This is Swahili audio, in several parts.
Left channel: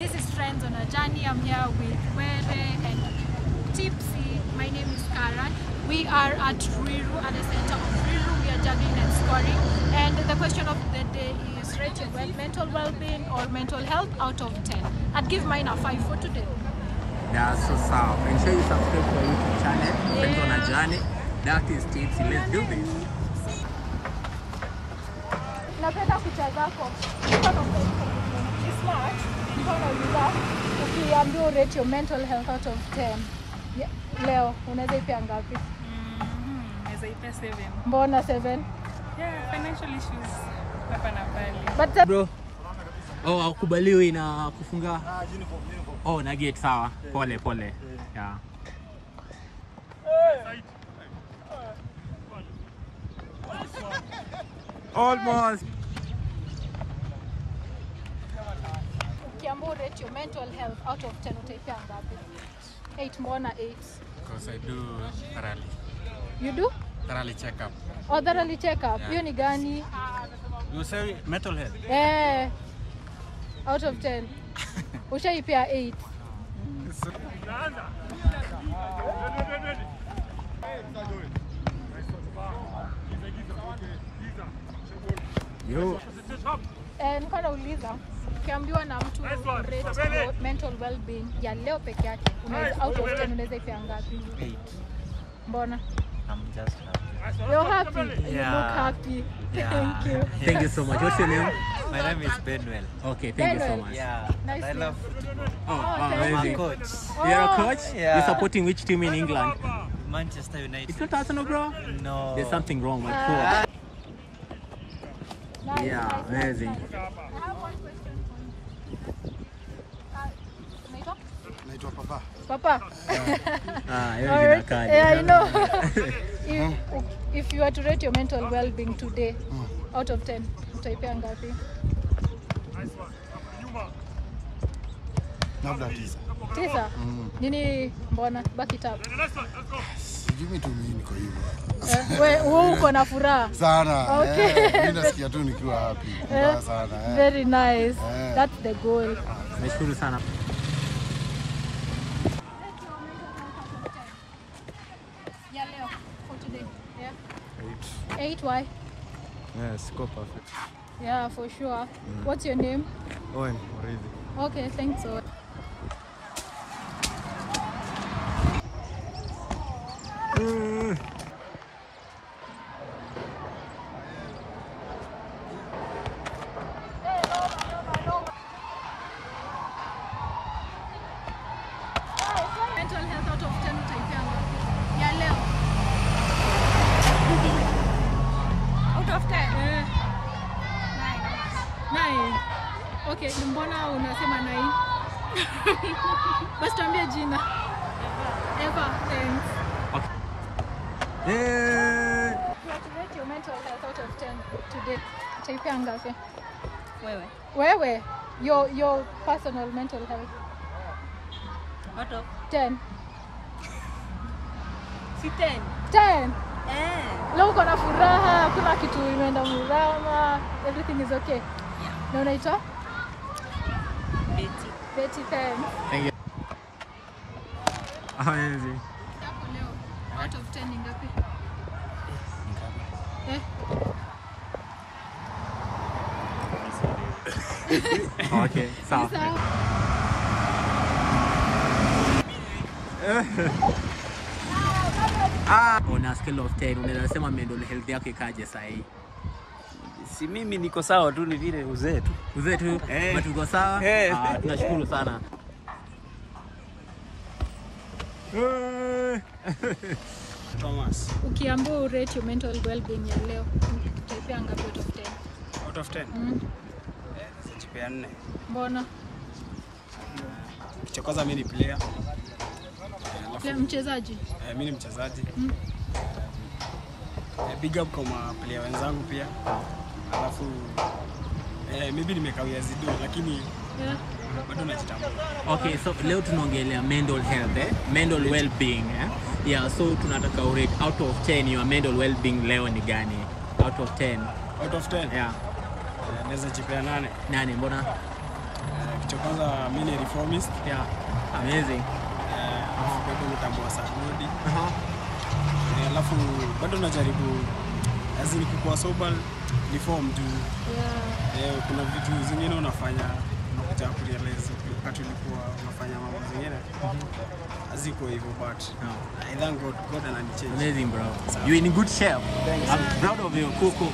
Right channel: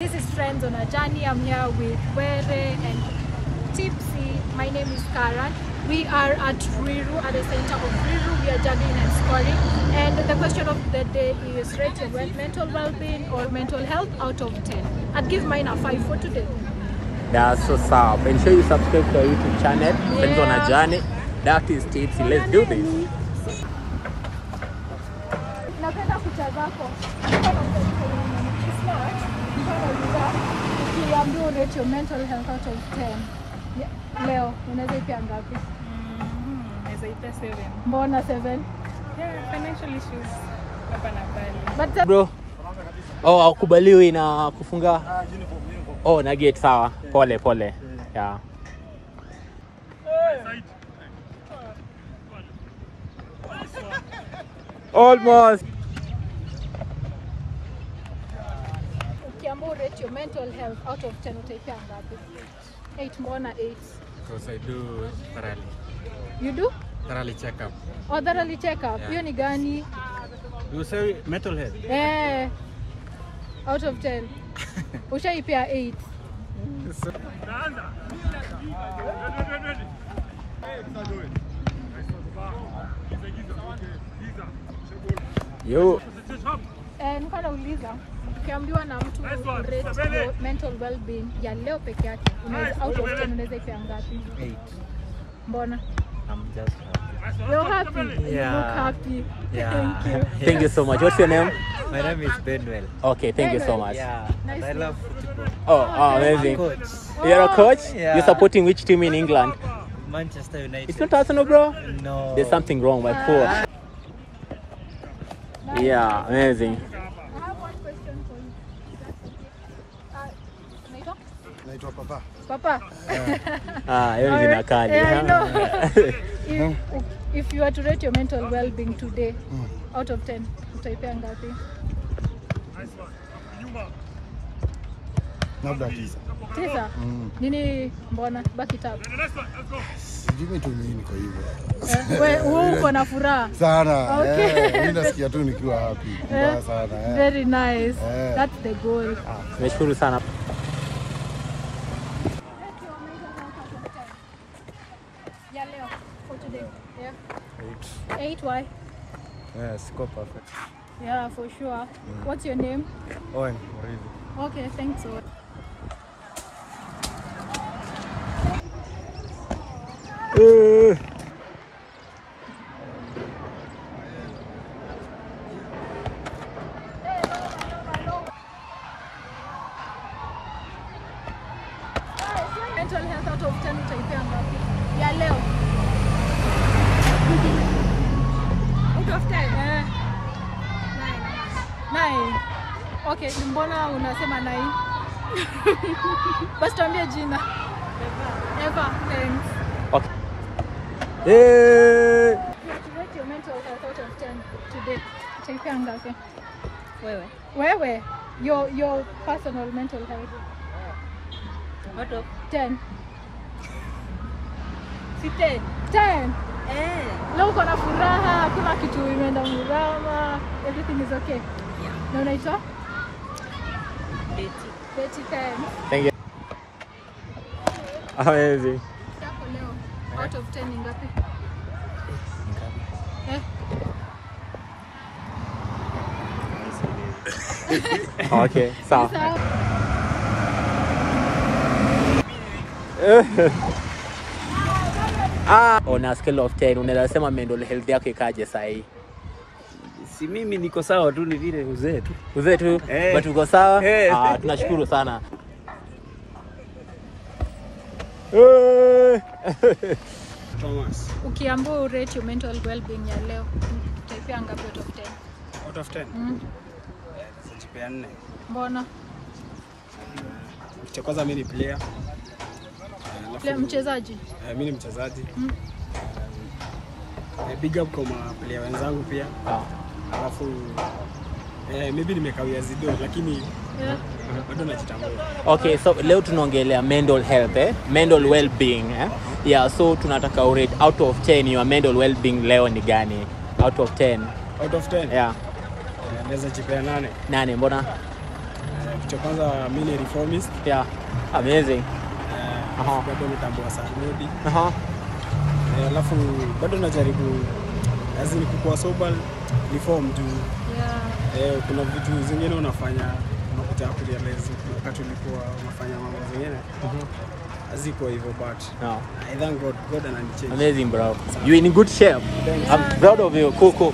This is Friends on a Journey. I'm here with Were and Tipsy. My name is Karan. We are at Riru, at the center of Riru. We are juggling and scoring. And the question of the day is rate your mental well-being or mental health out of 10. I'd give mine a 5 for today. That's so sad. Ensure you subscribe to our YouTube channel, Friends on a Journey. That is Tipsy. Let's do this. Ukiambiwa rate your mental health out of 10. Leo unaweza ipea ngapi? Naweza ipea 7. Mbona 7? Yeah, financial issues hapa na pale. But Bro. Oh, hakubaliwi na kufunga. Oh, na gate sawa. Pole pole. Yeah. Almost. ukiambiwa rate your mental health out of 10 utaipea ngapi? 8. Mbona 8? Because I do thoroughly. You do? Thoroughly check up. Oh, thoroughly check up. Yeah. Hiyo ni gani? You say mental health? Eh. Out of 10. Ushaipea 8. Yo. Nilikuwa nauliza ukiambiwa na mtu rate your mental well-being ya leo peke yake, unaweza out of 10 unaweza ipea ngapi? 8. Mbona? I'm just happy. You're happy? Yeah. You look happy. Yeah. Thank you. Thank you so much. What's your name? My name is Benwell. Okay, thank you so much. Yeah, and I love football. Oh, amazing. Coach. You're a coach? Yeah. You're supporting which team in England? Manchester United. It's not Arsenal, bro? No. There's something wrong, my poor. Yeah, amazing. I have one question for you. That's okay. Naitwa? Naitwa Papa. Papa. Hiyo ni jina kali. Yeah, I know. If you were to rate your mental well-being today out of 10, utaipea ngapi? Labda 9. 9? Nini mbona? Back it up. Sijui tu mimi niko hivyo. Wewe uko na furaha Sana. Okay. Mimi nasikia tu nikiwa happy. Mbaya sana. Very nice. That's the goal. Nashukuru sana. Yeah, Leo, for today. Yeah. 8. 8, why? Yes, go perfect. Yeah, for sure. What's your name? Owen, Murithi. Okay, thanks. Mental health out of 10 utaipea ngapi? Ya leo. Out of 10? 9. Okay, mbona unasema 9? Basi tuambie jina. Eva. Okay. Rate your mental health out of 10 today. Utaipea ngapi? Wewe. Wewe, your personal mental health. Out of 10. 10. 10. Leo uko na furaha, hakuna kitu imeenda mrama, everything is okay. Yeah. Na unaitwa? Betty. Betty 10. Thank you. Amazing. Yako leo, out of 10 ni ngapi? Okay, sawa. On a scale of 10, unaweza sema mental health yako ikaje saa hii? Si mimi niko sawa tu, ni vile uzee tu. Uzee tu, but uko sawa? Eh. Tunashukuru sana. Thomas. Ukiambiwa rate your mental well-being ya leo, utaipea ngapi out of 10? Out of 10. Najipea 4. Mbona? Cha kwanza mimi ni player. Leo mchezaji. Mimi ni mchezaji. Big up kwa player wenzangu pia. Alafu maybe nimekawia zido lakini bado najitambua. Okay, so leo tunaongelea mental health, mental well-being, Yeah, so tunataka rate out of 10 your mental well-being leo ni gani? Out of 10. Out of 10? Yeah. Naweza jipea 8. 8, mbona? kitu cha kwanza mimi ni reformist. Yeah. Amazing. Bado natambua sana Godi. Alafu bado najaribu azini kukua sober reform tu. Kuna vitu zingine unafanya unakuja kurealize wakati ulikuwa unafanya mambo zingine. Aziko hivyo but I thank God ananichange. Amazing bro. You in good shape. Thanks. I'm proud of you. Cool.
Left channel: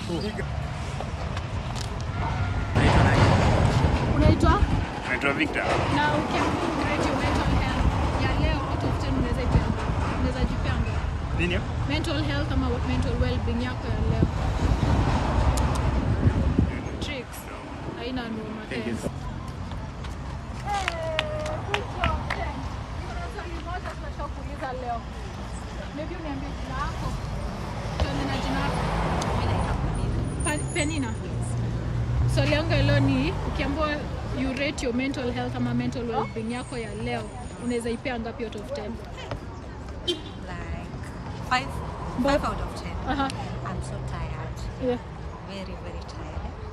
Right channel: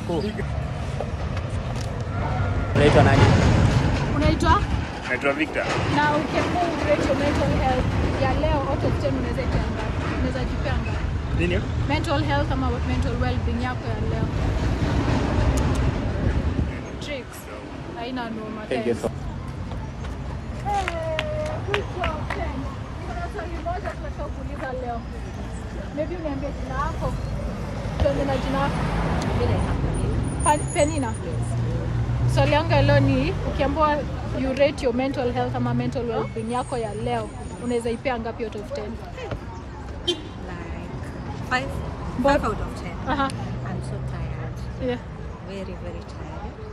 Unaitwa nani? Unaitwa? Naitwa Victor. Na ukiamua rate your mental health ya leo out of 10 unaweza ipea ngapi? Unaweza jipea ngapi? Nini? Mental health ama mental well-being yako ya leo? Tricks. Haina noma. Thank you so. Good job, thanks. Niko na swali moja tunataka kuuliza leo. Maybe uniambie jina lako. Tuanze na jina lako. Mimi naitwa Penina. Penina? Yes. Swali yangu ya leo ni ukiambiwa you rate your mental health ama mental well-being yako ya leo, unaweza ipea ngapi out of 10? Like 5 out of 10. Uh-huh. I'm so tired. Yeah. Very, very tired.